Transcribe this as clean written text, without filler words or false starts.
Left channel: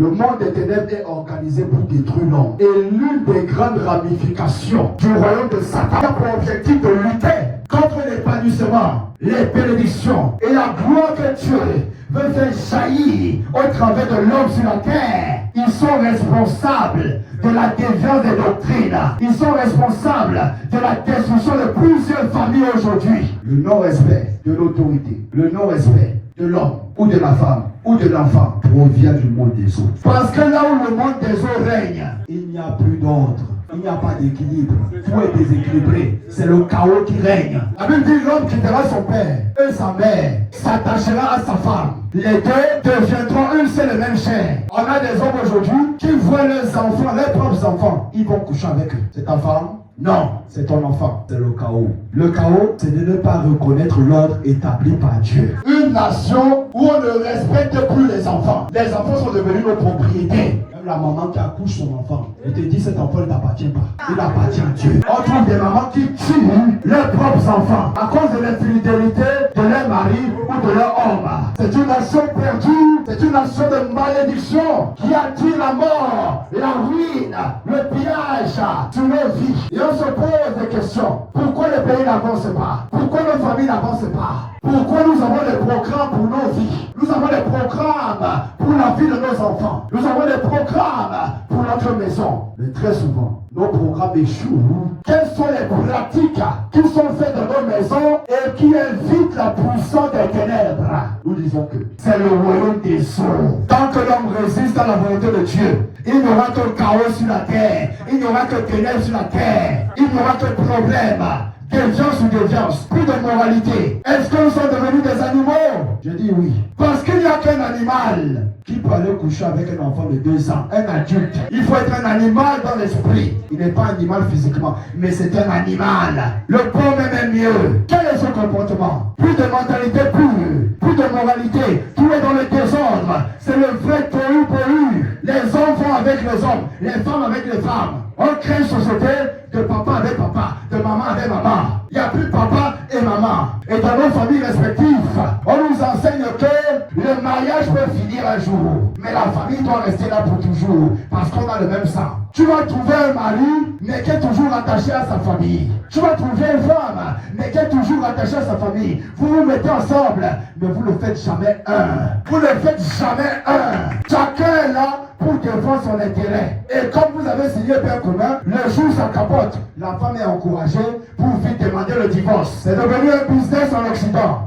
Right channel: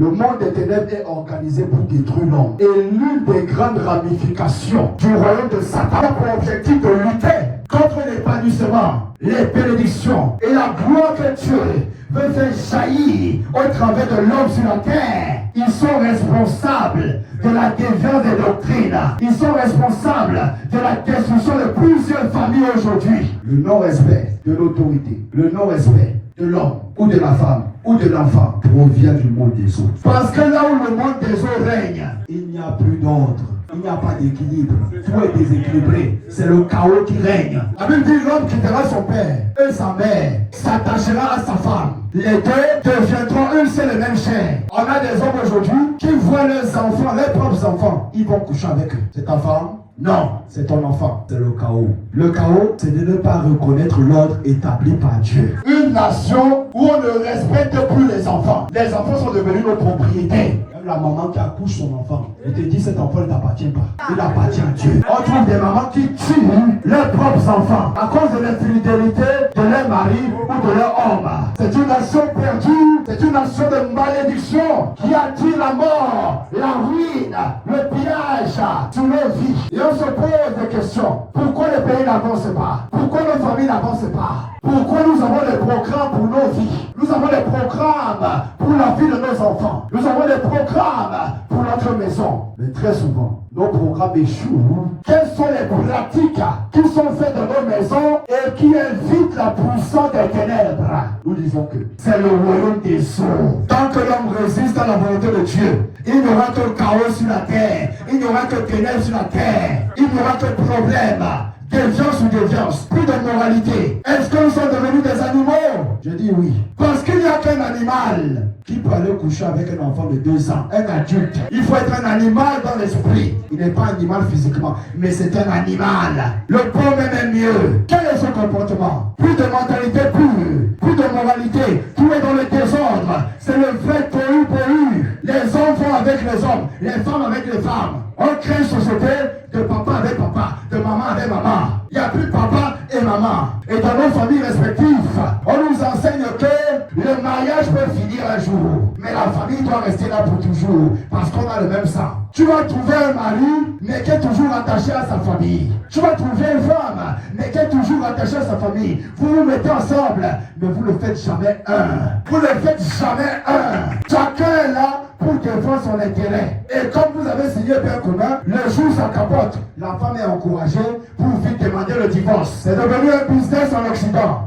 Le monde des ténèbres est organisé pour détruire l'homme. Et l'une des grandes ramifications du royaume de Satan a pour objectif de lutter contre l'épanouissement, les bénédictions et la gloire que Dieu veut faire jaillir au travers de l'homme sur la terre. Ils sont responsables de la déviance des doctrines. Ils sont responsables de la destruction de plusieurs familles aujourd'hui. Le non-respect de l'autorité, le non-respect de l'homme ou de la femme ou de l'enfant provient du monde des autres. Parce que là où le monde des autres règne, il n'y a plus d'ordre. Il n'y a pas d'équilibre. Tout est déséquilibré. C'est le chaos qui règne. La Bible dit l'homme quittera son père et sa mère, s'attachera à sa femme. Les deux deviendront une seule et même chair. On a des hommes aujourd'hui qui voient leurs enfants, leurs propres enfants. Ils vont coucher avec eux. C'est ta femme? Non, c'est ton enfant. C'est le chaos. Le chaos, c'est de ne pas reconnaître l'ordre établi par Dieu. Une nation où on ne respecte plus les enfants. Les enfants sont devenus nos propriétés. Même la maman qui accouche son enfant, elle te dit cet enfant ne t'appartient pas. Il appartient à Dieu. On trouve des mamans qui tuent leurs propres enfants à cause de l'infidélité de leur mari ou de leur homme. C'est une nation perdue. C'est une nation de malédiction qui attire la mort, la ruine, le pillage sur nos vies. Et on se pose des questions. Pourquoi le pays n'avance pas? Pourquoi nos familles n'avancent pas? Pourquoi nous avons des programmes pour nos vies? Nous avons des programmes pour la vie de nos enfants. Nous avons des programmes pour notre maison. Mais très souvent, nos programmes échouent. Quelles sont les pratiques qui sont faites dans nos maisons et qui invitent la puissance des ténèbres? Nous disons que c'est le royaume des sourds. Tant que l'homme résiste à la volonté de Dieu, il n'y aura que chaos sur la terre. Il n'y aura que ténèbres sur la terre. Il n'y aura que problème. Déviance ou déviance, plus de moralité. Est-ce que nous sommes devenus des animaux? Je dis oui. Parce qu'il n'y a qu'un animal qui peut aller coucher avec un enfant de 2 ans, un adulte. Il faut être un animal dans l'esprit. Il n'est pas un animal physiquement, mais c'est un animal. Le pauvre même est mieux. Quel est son comportement? Plus de mentalité pure, plus de moralité. Tout est dans le désordre. C'est le vrai tohu. Les hommes vont avec les hommes, les femmes avec les femmes. On crée une société de papa avec papa, de maman avec maman. Il n'y a plus papa et maman. Et dans nos familles respectives, on nous enseigne que le mariage peut finir un jour. Mais la famille doit rester là pour toujours. Parce qu'on a le même sang. Tu vas trouver un mari, mais qui est toujours attaché à sa famille. Tu vas trouver une femme, mais qui est toujours attachée à sa famille. Vous vous mettez ensemble, mais vous ne faites jamais un. Vous ne faites jamais un. Chacun est là pour défendre son intérêt. Et comme vous avez signé bien commun, le jour ça capote. La femme est encouragée pour vite demander le divorce. C'est devenu un business en Occident.